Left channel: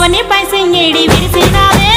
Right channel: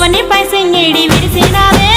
అవన్నీ పైసింగిడి విరిసినావే